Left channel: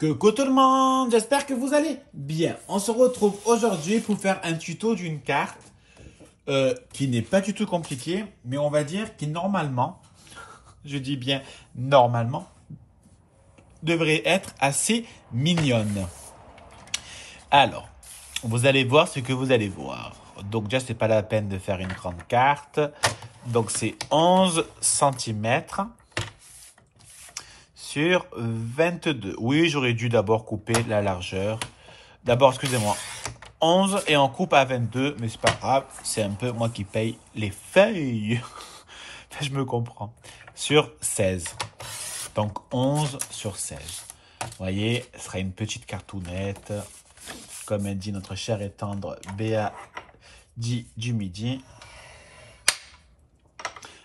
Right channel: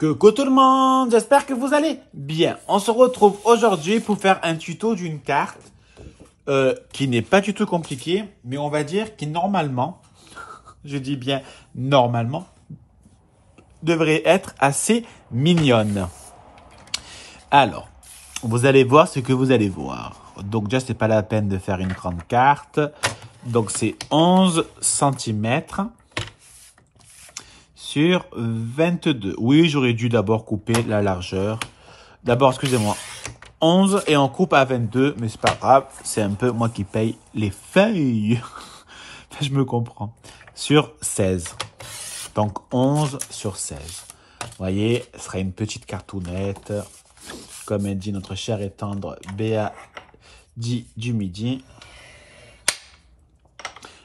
Coucou tout le monde, j'espère que vous allez bien. On se retrouve aujourd'hui pour faire un tuto d'une carte qui n'est pas du tout compliquée, mais on va dire qui normalement, je dis bien normalement, devrait être assez mignonne. Alors, vous allez voir ce que vous allez voir. Donc déjà, c'est pas la peine de faire une grande carte. Donc c'est 11 cm sur 22. Oui, j'aurais dû d'abord couper la largeur. D'abord, excusez-moi, 11 et on coupe à 22, mais c'est pas grave. C'est un peu moi qui paye les feuilles. Je me comprends. Sur 16. Donc 11 sur 16. Vous voyez, ce sera une petite cartoonnette. Comme elle dit notre chère et tendre Béa dit du midi.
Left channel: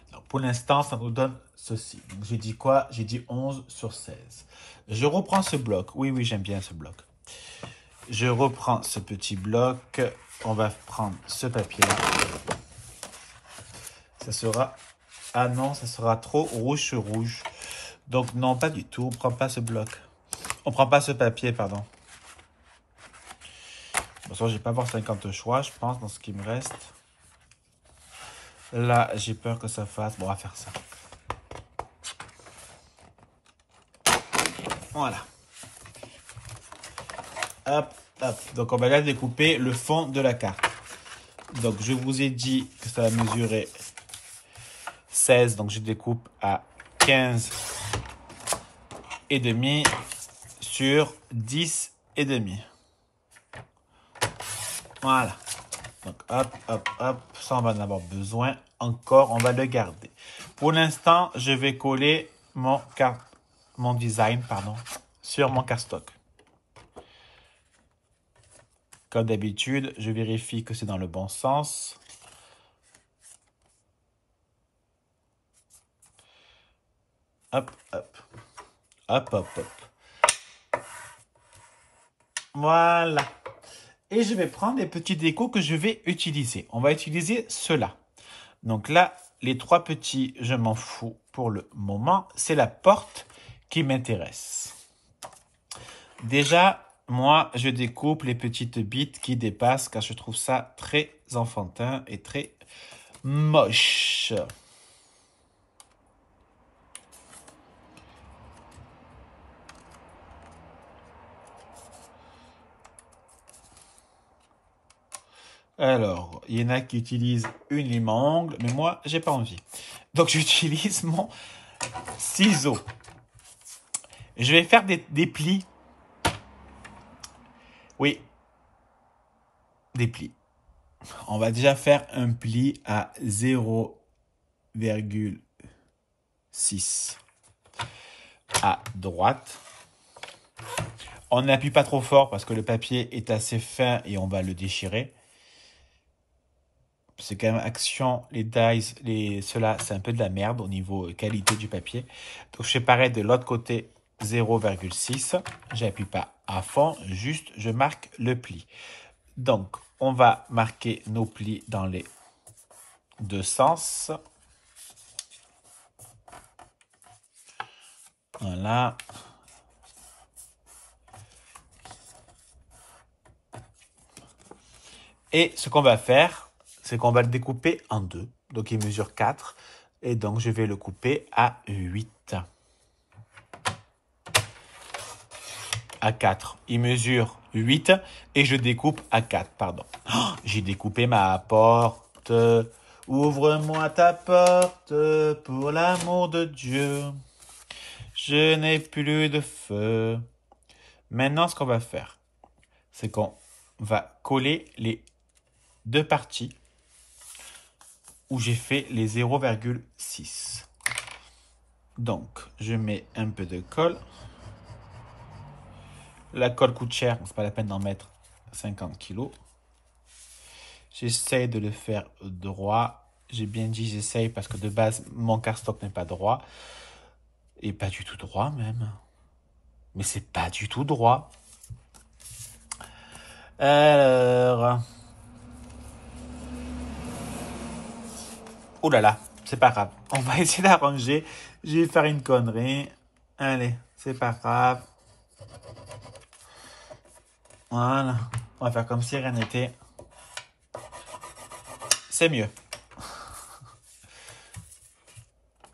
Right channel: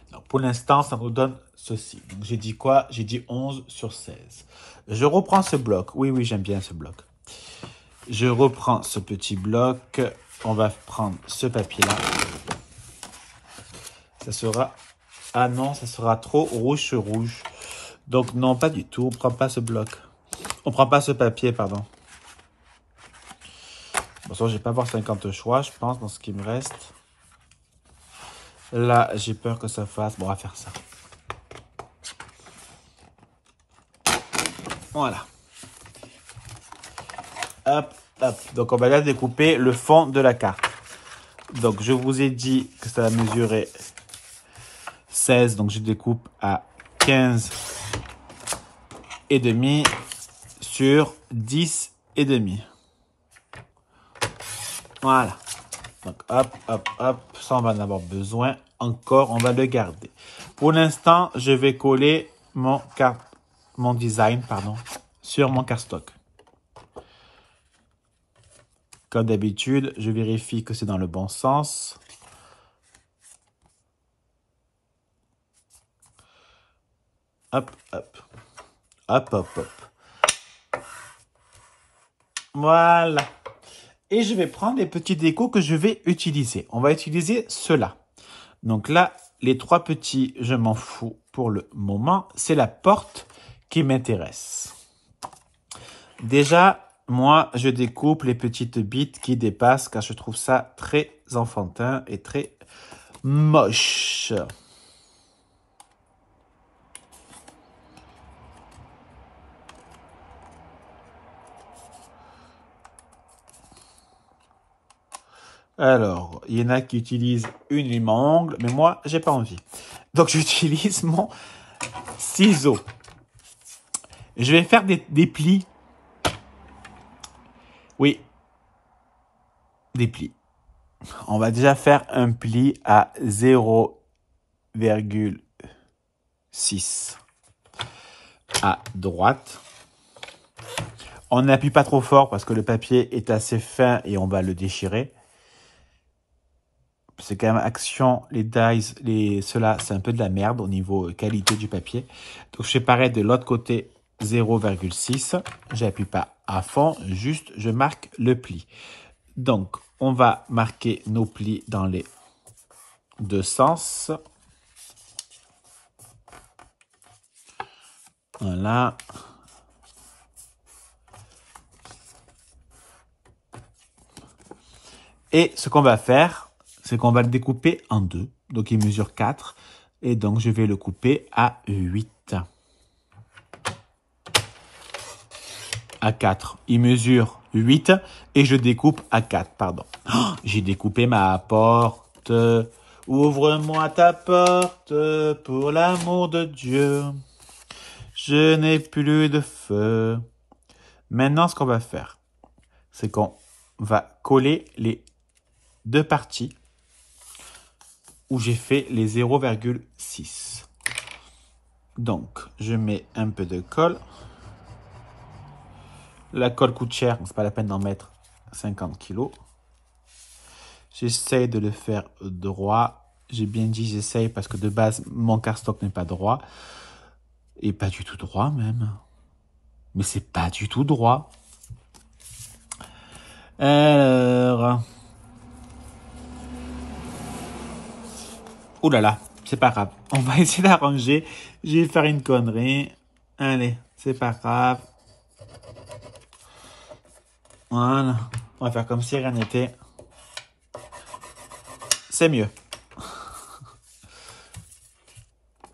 Alors, pour l'instant, ça nous donne ceci. Donc, j'ai dit quoi? J'ai dit 11 sur 16. Je reprends ce bloc. Oui, j'aime bien ce bloc. Je reprends ce petit bloc. On va prendre ce papier-là. Ça sera... Ah non, ça sera trop rouge sur rouge. Donc non, pas du tout. On ne prend pas ce bloc. On ne prend pas ce papier, pardon. Bon, ça, je vais pas avoir 50 choix, je pense, dans ce qui me reste. Là, j'ai peur que ça fasse... Bon, on va faire ça. Voilà. Hop, hop. Donc, on va là découper le fond de la carte. Donc, je vous ai dit que ça va mesurer 16. Donc, je découpe à 15 et demi sur 10 et demi. Voilà. Donc, hop, hop, hop. Ça, on va en avoir besoin. Encore, on va le garder. Pour l'instant, je vais coller mon design, sur mon cardstock. Comme d'habitude, je vérifie que c'est dans le bon sens. Hop, hop. Hop, hop, hop. Voilà. Et je vais prendre les petits décos que je vais utiliser. On va utiliser ceux-là. Donc là, les trois petits, je m'en fous pour le moment. C'est la porte qui m'intéresse. Déjà, moi, je découpe les petites bites qui dépassent car je trouve ça très enfantin et très moche. Alors, il y en a qui utilisent une lime à ongles, mais moi, j'ai pas envie. Donc, j'utilise mon ciseau. Je vais faire des plis. Oui, des plis. On va déjà faire un pli à 0,6 à droite. On n'appuie pas trop fort parce que le papier est assez fin et on va le déchirer. C'est quand même action, les dies, ceux-là, c'est un peu de la merde au niveau qualité du papier. Donc, je fais pareil de l'autre côté, 0,6. J'appuie pas à fond, juste je marque le pli. Donc, on va marquer nos plis dans les deux sens. Voilà. Et ce qu'on va faire, c'est qu'on va le découper en deux. Donc, il mesure 4. Et donc, je vais le couper à 8. À 4. Il mesure 8. Et je découpe à 4, pardon. Oh, j'ai découpé ma porte. Ouvre-moi ta porte pour l'amour de Dieu. Je n'ai plus de feu. Maintenant, ce qu'on va faire, c'est qu'on va coller les deux parties où j'ai fait les 0,6. Donc, je mets un peu de colle. La colle coûte cher, c'est pas la peine d'en mettre 50 kg. J'essaie de le faire droit. J'ai bien dit j'essaye parce que de base, mon cardstock n'est pas droit. Et pas du tout droit même. Mais c'est pas du tout droit. Alors... Ouh là là, c'est pas grave. On va essayer d'arranger. Je vais faire une connerie. Allez, c'est pas grave. Voilà. On va faire comme si rien n'était. C'est mieux.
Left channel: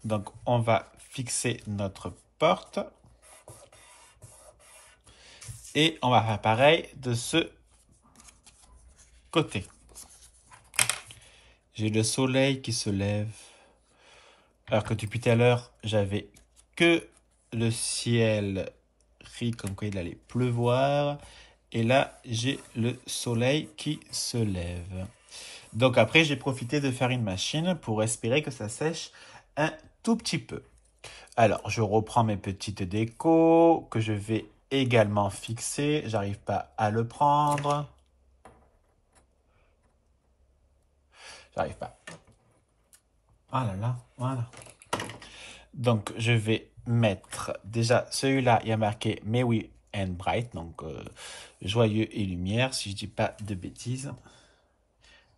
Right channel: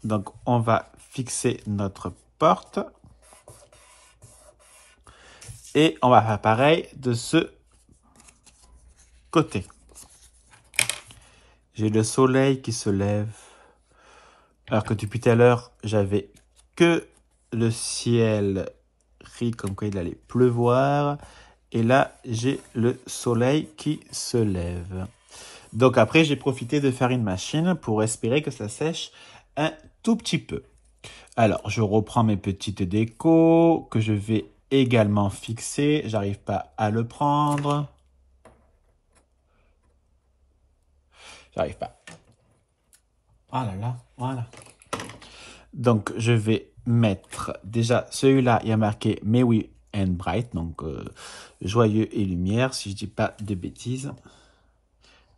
Donc, on va fixer notre porte. Et on va faire pareil de ce côté. J'ai le soleil qui se lève. Alors que depuis tout à l'heure, j'avais que le ciel gris comme quoi il allait pleuvoir. Et là, j'ai le soleil qui se lève. Donc après, j'ai profité de faire une machine pour espérer que ça sèche un tout petit peu. Alors, je reprends mes petites décos que je vais également fixer. J'arrive pas à le prendre. J'arrive pas. Ah là là, voilà. Donc, je vais mettre déjà celui-là, il y a marqué Merry and Bright, donc joyeux et lumière, si je dis pas de bêtises.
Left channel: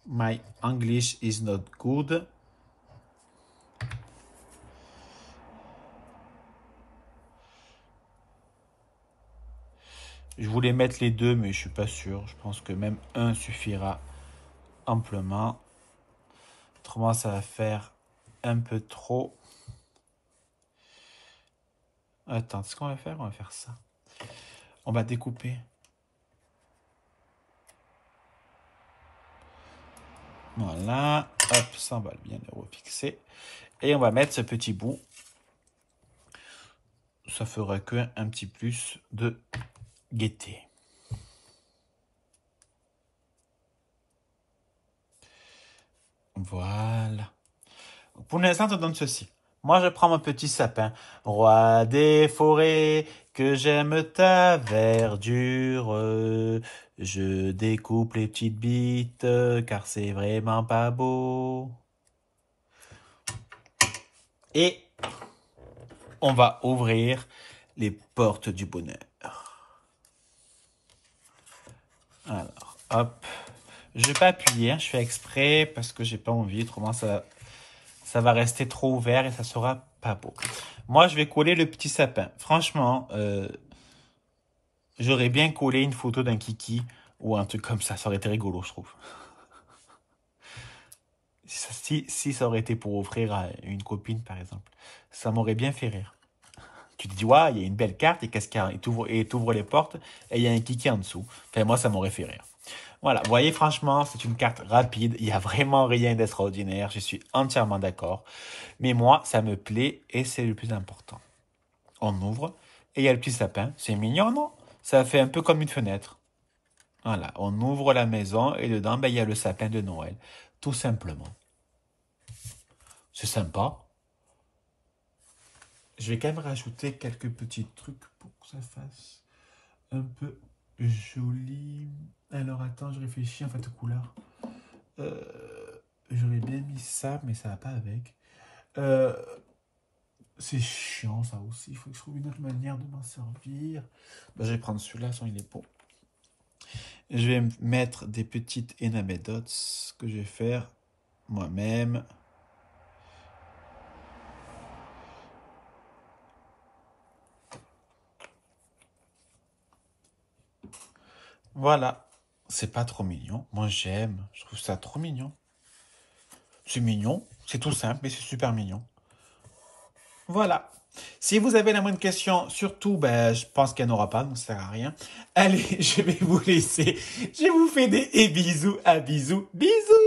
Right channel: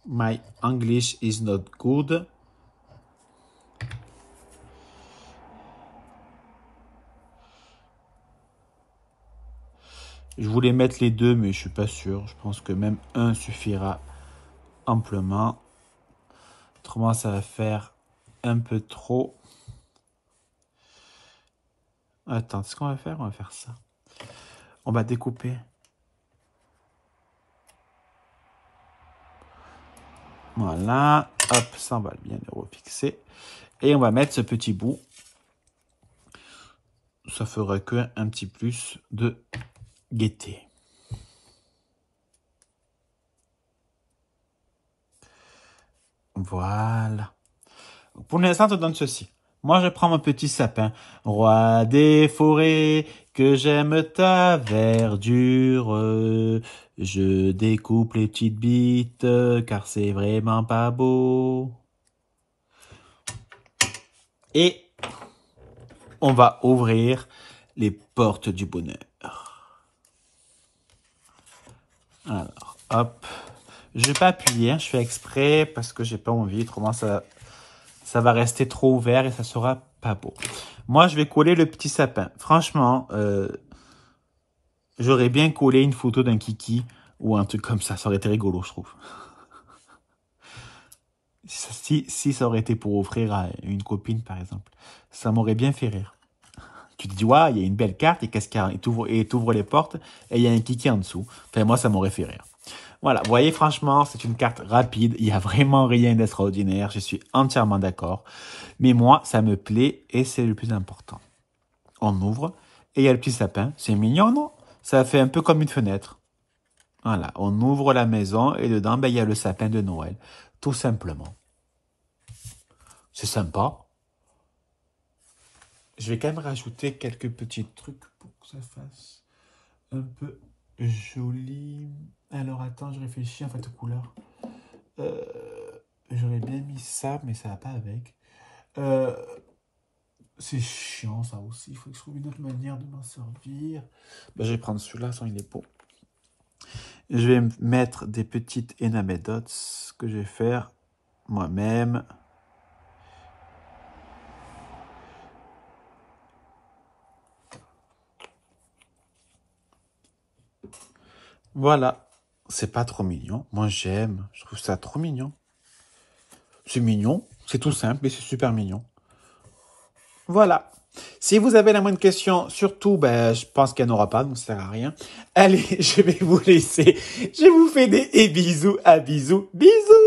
My English is not good. Je voulais mettre les deux, mais je suis pas sûr. Je pense que même un suffira amplement. Autrement, ça va faire un peu trop. Attends, ce qu'on va faire, on va faire ça. On va découper. Voilà. Hop, ça, on va bien le refixer. Et on va mettre ce petit bout. Ça fera qu'un petit plus de gaieté. Voilà. Pour l'instant, on donne ceci. Moi, je prends mon petit sapin. Roi des forêts, que j'aime ta verdure. Je découpe les petites bites, car c'est vraiment pas beau. Et on va ouvrir les portes du bonheur. Alors, hop. Je vais pas appuyer, hein, je fais exprès parce que j'ai pas envie. Autrement, ça va rester trop ouvert et ça sera pas beau. Moi, je vais coller le petit sapin. Franchement, j'aurais bien collé une photo d'un kiki ou un truc comme ça. Ça aurait été rigolo, je trouve. Si ça aurait été pour offrir à une copine, par exemple, ça m'aurait bien fait rire. Tu te dis, ouais, il y a une belle carte et qu'est-ce qu'il y a? Et tu ouvres les portes et il y a un kiki en dessous. Enfin, moi, ça m'aurait fait rire. Voilà, vous voyez, franchement, c'est une carte rapide. Il n'y a vraiment rien d'extraordinaire. Je suis entièrement d'accord. Mais moi, ça me plaît et c'est le plus important. On ouvre et il y a le petit sapin. C'est mignon, non? Ça fait un peu comme une fenêtre. Voilà, on ouvre la maison et dedans, ben, il y a le sapin de Noël. Tout simplement. C'est sympa. Je vais quand même rajouter quelques petits trucs pour que ça fasse un peu joli. Alors, attends, je réfléchis en fait aux couleurs. J'aurais bien mis ça, mais ça va pas avec. C'est chiant, ça aussi. Il faut que je trouve une autre manière de m'en servir. Ben, je vais prendre celui-là, sans il est beau. Je vais mettre des petites enamel dots que je vais faire moi-même. Voilà. C'est pas trop mignon. Moi, j'aime. Je trouve ça trop mignon. C'est mignon. C'est tout simple, mais c'est super mignon. Voilà. Si vous avez la moindre question, surtout, ben, je pense qu'il n'y en aura pas, donc ça ne sert à rien. Allez, je vais vous laisser. Je vous fais des bisous à bisous. Bisous!